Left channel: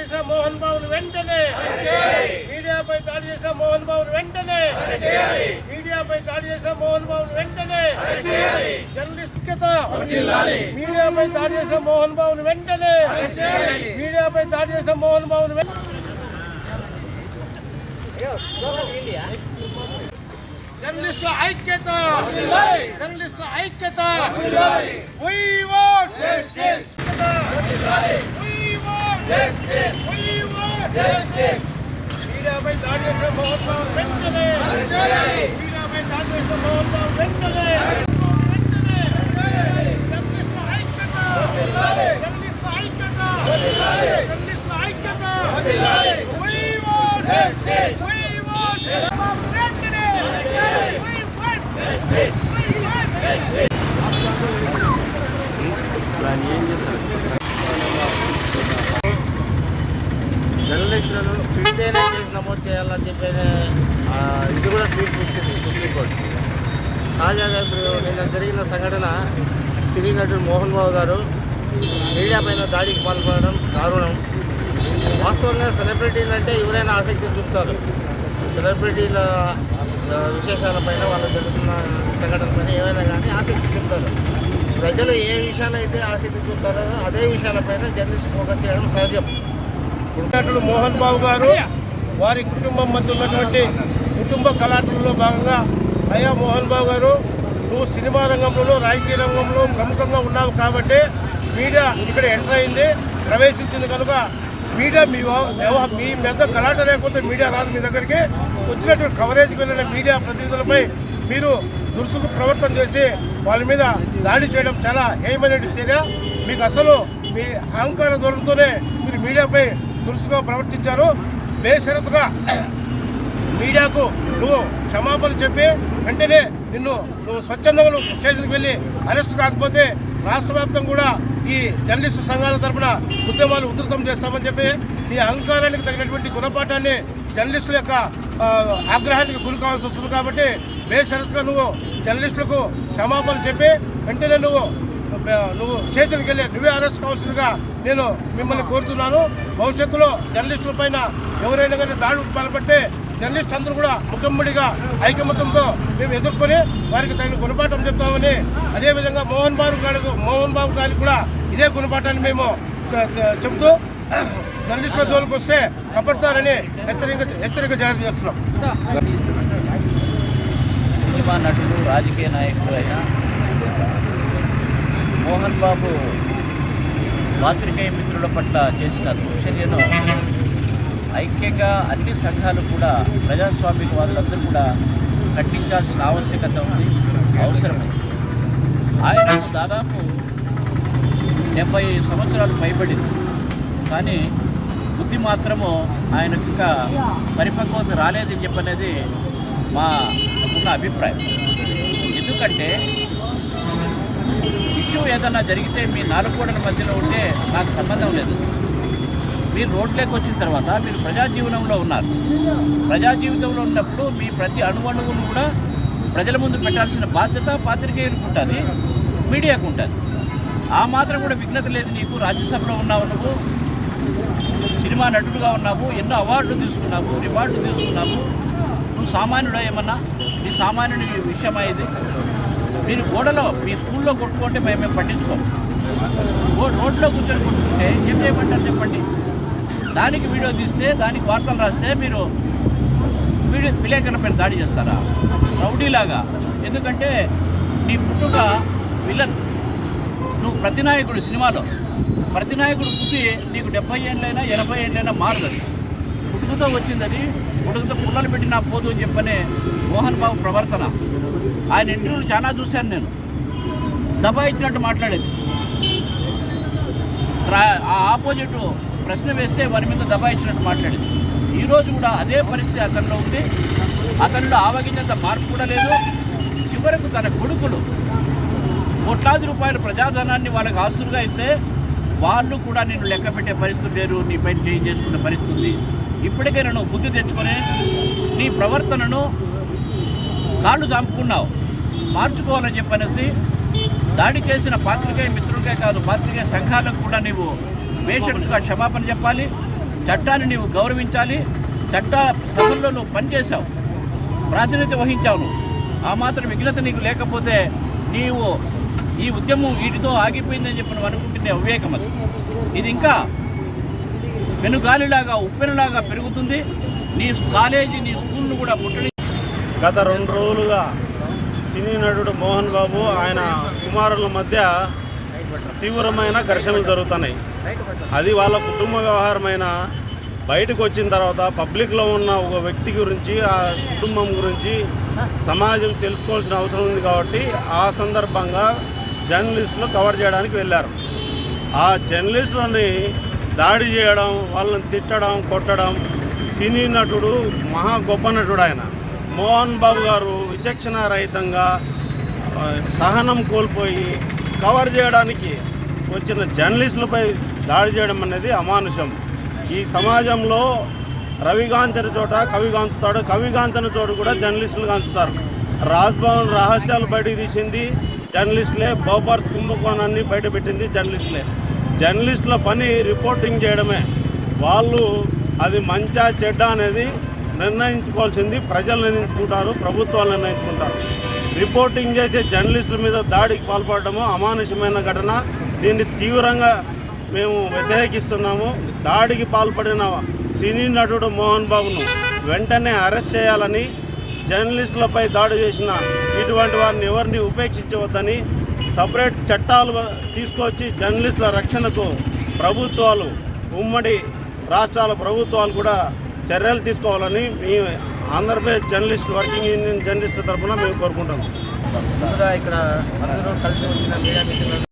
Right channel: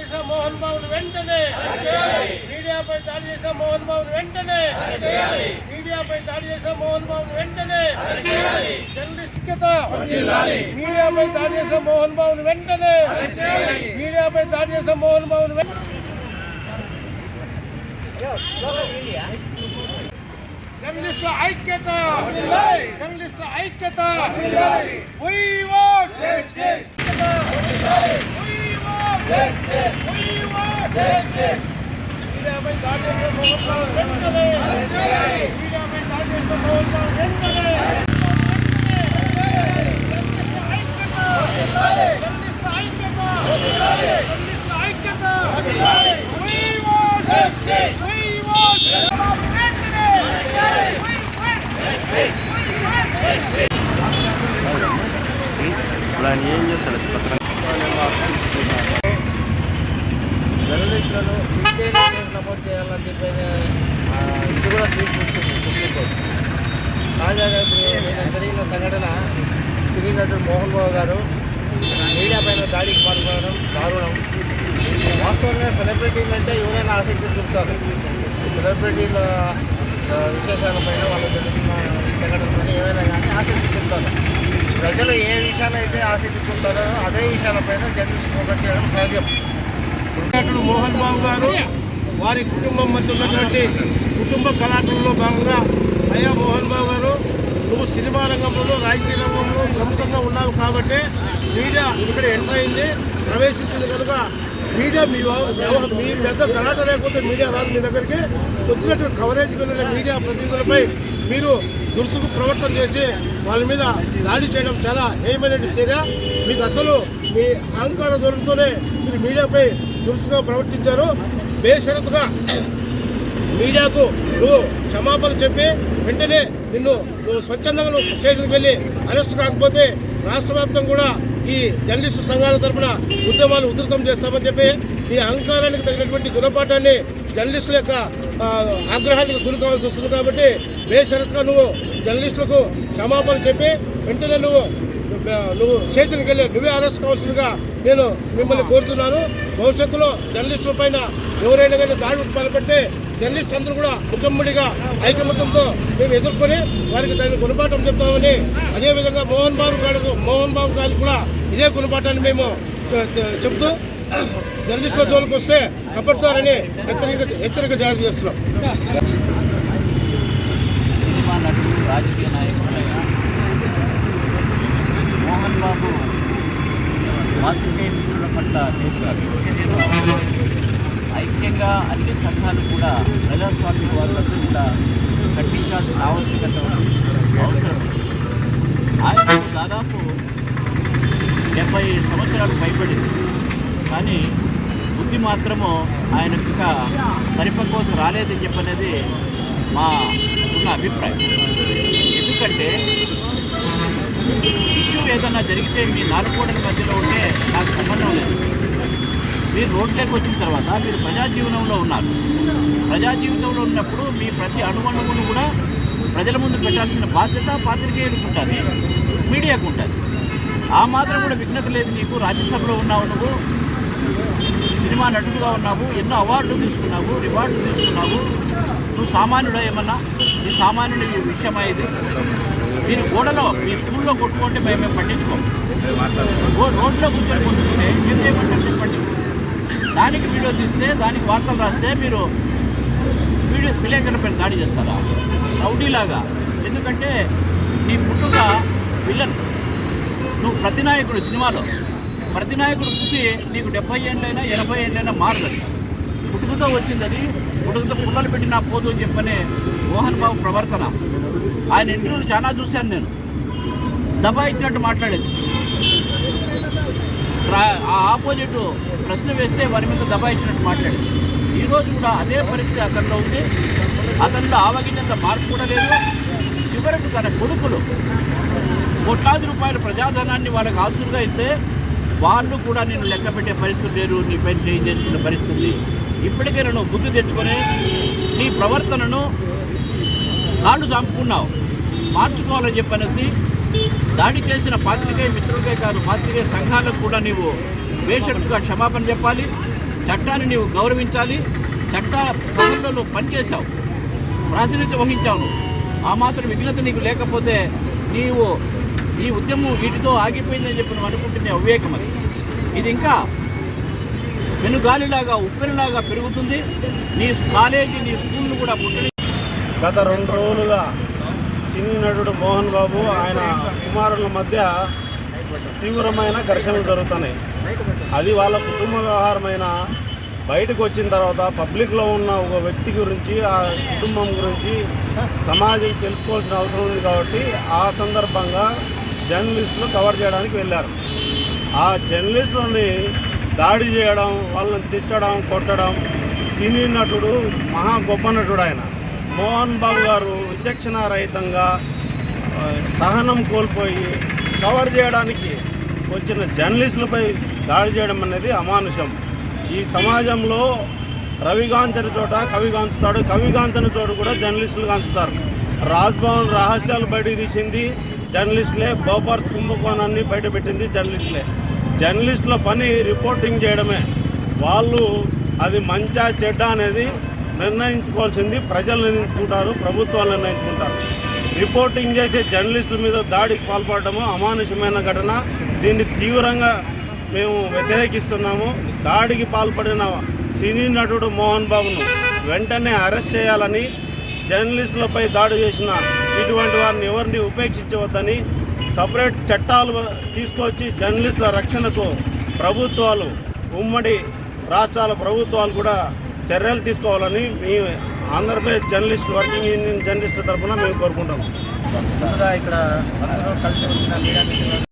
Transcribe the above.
చేసిన మోహన్ బాబును వెంటనే మీడియాపై దాడి చేసిన మోహన్ బాబును వెంటనే మీడియాపై దాడి చేసిన మోహన్ బాబును వెంటనే జర్నలిస్ట్ ఐక్యత మీడియాపై దాడి చేసిన మోహన్ బాబును వెంటనే మీడియాపై దాడి చేసిన మోహన్ బాబును వెంటనే జర్నలిస్టుల ఐక్యత. జర్నలిస్టుల ఐక్యత. We want justice. We want justice. We want justice. మీడియాపై దాడి చేసిన మోహన్ బాబు వెంటనే మీడియాపై దాడి చేసిన మోహన్ బాబు వెంటనే చేయాలని చెప్పి ఇది కూడా తీర్పు ఇచ్చింది సుప్రీంకోర్టు తాజాగా ఇప్పుడు నిన్న జరిగిన సంఘటన సినీ నటుడు మోహన్ బాబు గారు మీడియా పైన దాడికి పాల్పడడం దారుణం. వాస్తవంగా సెలబ్రిటీలు అంటే ఎవరైనా ఆసక్తి చూపుతారు. ఈ సెలబ్రిటీల విశేషాలపైన వాళ్ళు జరుగుతున్న సంఘటనలపైన ఏమైనా కానీ ఆసక్తి చూపుతారు. ప్రజలు ఏ విషయాలైతే ఆసక్తి చూపుతారో అదే విషయాలపైన జర్నలిస్ట్ ఫోకస్ చేయడం సహజం. నటుడు మోహన్ బాబు గారు వారి కుటుంబం మధ్య ఉన్నటువంటి కుటుంబ కళాటంలో భాగంగా అయ్యా మోహన్ బాబు గారు నువ్వు సినిమా రంగంలో రాజకీయ రంగంలో ప్రముఖంగా ఉన్నావు కాబట్టి మీడియా ఇక్కడ ఎంటర్ అయింది ప్రవేశించింది కనుక మీడియా మీ మీ యొక్క కళాట లేకపోతే మీడియా రాదు మీ దగ్గరికి. వచ్చినటువంటి కవరేజ్ వెళ్ళిన మీడియా ప్రతినిధులపై మీరు దురుసుకు ప్రవర్తన చేసి వాళ్ళ మీద దాడి చేయడం చాలా హేయమైన చర్య. మీకు అసలు మీ అహంకార ధోరణితోనే మీరు మీడియాపై దురుసుగా ప్రవర్తించారు. బేషరతుగా మీడియాకు నువ్వు క్షమాపణ చెప్పి వెంటనే నిన్ను నువ్వు స్వచ్ఛందంగా నువ్వు స్టేషన్కి వెళ్ళి అరెస్ట్ కాకపోతే రాష్ట్ర వ్యాప్తం కూడా ఈ జర్నలిస్టు సంఘాల తరపున ఉద్యమాలు ఉధృతం చేస్తామని చెప్పి ఈ అహంకారానికి తగినటువంటి గుణపాఠాన్ని జర్నలిస్టుల యొక్క ఆగ్రహానికి గురి కావాల్సి వస్తుంది కాబట్టి బేషరత్గా నువ్వు జర్నలిస్టులకు క్షమాపణ చెప్పి వెంటనే నువ్వు నువ్వు స్టేషన్కి వెళ్ళి నువ్వే అరెస్ట్ కావాల్సిందిగా నేను మిమ్మల్ని కోరుతున్నాను. భవిష్యత్తులో జర్నలిస్టుల పైన ఎవరైనా కానీ దాడులు పాల్పడితే జర్నలిస్ట్ అందరూ కూడా ముఖ్యమంత్రిగా ఐకమత్యంతో మేము ఎదుర్కొని వారికి తగిన గుణపాఠం చెప్తామని అదేవిధంగా మోహన్ బాబు గారికి మోహన్ బాబు గారికి కూడా ఇదే గుణపాఠాన్ని మేము చెబుతూ జర్నలిస్టుల జోలికి వస్తే కప్పడతారని హెచ్చరిక హెచ్చరిక జారీ చేస్తున్నాం. రాజకీయ నాయకుడైన మోహన్ బాబు పాత్రికేయ మిత్రుల పట్ల చేసిన చర్యను ఐక్యంగా అన్ని సంఘాలు కూడా ప్రజాస్వామ్య వాళ్ళందరూ కూడా ఖండించాల్సిన ఆవశ్యకత అవసరం ఆయన దాదాపు డెబ్బై సంవత్సరాలు పైబడింది. కానీ బుద్ధి మాత్రము ఆయనకు ఇంకా పరిపక్వత రాలేదని చెప్పనేది మా ఉన్న అభిప్రాయం. ఎందుకంటే ఇష్యూ ఏదన్నా జరిగితే మీ నాలుగు మధ్యలో ఉంటే నాకు సంబంధం లేదు. మీరు రోడ్లోకి వచ్చిన తర్వాత మీరు ప్రజా జీవనంలో ఉన్నారు. ప్రజా జీవితంలో ఉన్నప్పుడు మీ ప్రతి అణువణువును కూడా ప్రజల ముందు పెట్టాల్సిన బాధ్యత పాత్రికేయులకు ఉంటుంది మీడియాకు ఉంటుంది ఆ మాత్రం కూడా విఘ్నత లేదు నీకు. రాజ్యసభలో ఉన్నావు నువ్వు. సినిమా నటుడుగా ఉన్నావు. ఎన్నో అవార్డులు తీసుకున్నావు. రివార్డులు తీసుకున్నావు. నువ్వు సామాన్యుడా ఏమన్నా? నీ సామాన్యుడి విషయమా ఇది? మీరు గోడలో మీ స్కూల్లో కొట్టుకుంటే మేము మేము పట్టించుకోం రోడ్లో కూర్చొని కొట్టుకుంటే ఏం చేయమంటారు చెప్పండి. దానికి వీడియో చూస్తే దానికి వార్తలు రాస్తే మీరు వీడియో విలేకరులపైన దాడి చేస్తారా? రౌడీలాగా. ఎందుకంటే నీ పుట్టుక విలన్. నువ్వు ప్రతినాయకుడు సినిమాలో. ప్రతినాయకుడు చూసి నీకు డెబ్బై ఏళ్ళైనా ఎనభై ఏళ్ళైనా మారలేదు. పుట్టుకతో వచ్చిందని పుట్టుకతో పుల్లలు పెట్టినా పోదు అని చెప్పని మోహన్ బాబు ప్రవర్తన. ఆయన ఇంటర్వ్యూలు చాలా చూశాను నేను. దబా ఇచ్చినట్టు మాట్లాడేది. ఆ ఆపోజిట్ ప్రశ్న వేస్తే వారి మీద దబా ఇచ్చినట్టు మాట్లాడేది. ఈరోజు కూడా అదే పరిస్థితి అతనిలో ఉంది. అతనిలో ఆవగించేంత మార్పు కూడా లేదు. చివరకు తన కొడుకులు కోట్లాది రూపాయల ప్రజాధనాన్ని వాళ్ళకి ఆస్తులుగా అయితే వాళ్ళు కూడా నేను లెక్క పెట్టే పరిస్థితి లేరు నీ పైన చేసుకునే పరిస్థితి. ఉంది నేను నువ్వు బుద్ధి తెచ్చుకొని నీ ప్రవర్తనను కాళ్ళు చంపుకున్నావు. మార్చుకోవాలని చెప్పనేసి దాడి చేసిన పాత్రికే మిత్రులకే కాదు పాత్రికే సంఘాలకు కూడా నీవు బేషరతుగా క్షమాపణ చెప్పాలి చట్టాన్ని నీవు గౌరవించాలి చట్ట సభల్లో నువ్వు పనిచేశావు ప్రాతినిధ్యం వహించావు ఆ మాత్రం విఘ్నత నీకు లేకపోతే నీవు ఈ ఉద్యమం వీటితో ఆగిపోయిందని చెప్పి నువ్వు అనుకుంటున్న అవివేకం అది. ఇది ఇంకా వెనుగాలిలాగా ఉప్పెనలాగా పెరుగుతుంది. నీ కాలేజీ నీ స్కూల్ కూడా పుట్టి గత రెండు రోజులుగా సినీ నటుడు మోహన్ బాబు ఆయన కుమారుల మధ్య తీవ్రమైన ఘర్షణలు జరుగుతున్నాయి. అది వాళ్ళ కుటుంబ వ్యవహారమైన బయటకు వచ్చిన తర్వాత పబ్లిక్లో ఉన్న ఒక వ్యక్తి గురించి ఆ కుటుంబం గురించి సమాజం తెలుసుకోవాల్సిన అవసరం ఉంది కాబట్టి ఆ సందర్భంగా జర్నలిస్టులు కవర్ చేయడానికి వెళ్ళారు. ఆ జర్నలిస్టులని దాడి చేయడం వాళ్ళని తిట్టడం కొట్టడం సినీ నటుడు మహా గొప్ప నటుడు ఆయన. మోహన్ బాబు గారు విచక్షణ రహితంగా సహనం కోల్పోయి కవర్ చేయడానికి వచ్చిన జర్నలిస్టులపై దాడి చేయడం అనేది అమానుషం. ఈ సమాజంలో రవిగాంచిన చోట కవిగాంచుతాడు కవిగాంచని చోట కూడా జర్నలిస్టులు గాంచుతారు. రాజ్భవన్ రహస్యాలు బయటకు తీసింది జర్నలిస్టులే. బోపర్స్ కుంభకోణాన్ని బయటపెట్టింది జర్నలిస్టులే. జర్నలిస్టుల పని రిపోర్టింగ్ చేయడమే. వాళ్ళు అది మంచా చెడ్డ అనేది నిర్ణయించుకోవాల్సింది ప్రజలు నిర్ణయించుకుంటారు ప్రభుత్వాలు నిర్ణయించుకుంటారు. రిపోర్టింగ్ చేసే జర్నలిస్టుల మీద దాడికి పాల్పడటము అమానుషమైన ఘటన. దీన్ని తీవ్రంగా మేము వ్యతిరేకిస్తున్నాము. దాడికి పాల్పడిన సినీ నటుడు మోహన్ బాబును వెంటనే అరెస్ట్ చేయాలని జర్నలిస్టులపై దాడి చేసిన ఇటువంటి వారిని ఎవరిని ఉపేక్షించవద్దని సపరేట్ చట్టాలు తీసుకొచ్చి జర్నలిస్టుల రక్షణకు ప్రభుత్వాలు ఉమ్మడి రాష్ట్రాల ప్రభుత్వాలు కూడా చర్యలు తీసుకోవాలని మేము Andhra Pradesh journalist working union journalist తరఫున మేము కోరుకుంటాము ముందుగా ఇక్కడ అందరూ కలిసి వచ్చిన మీడియా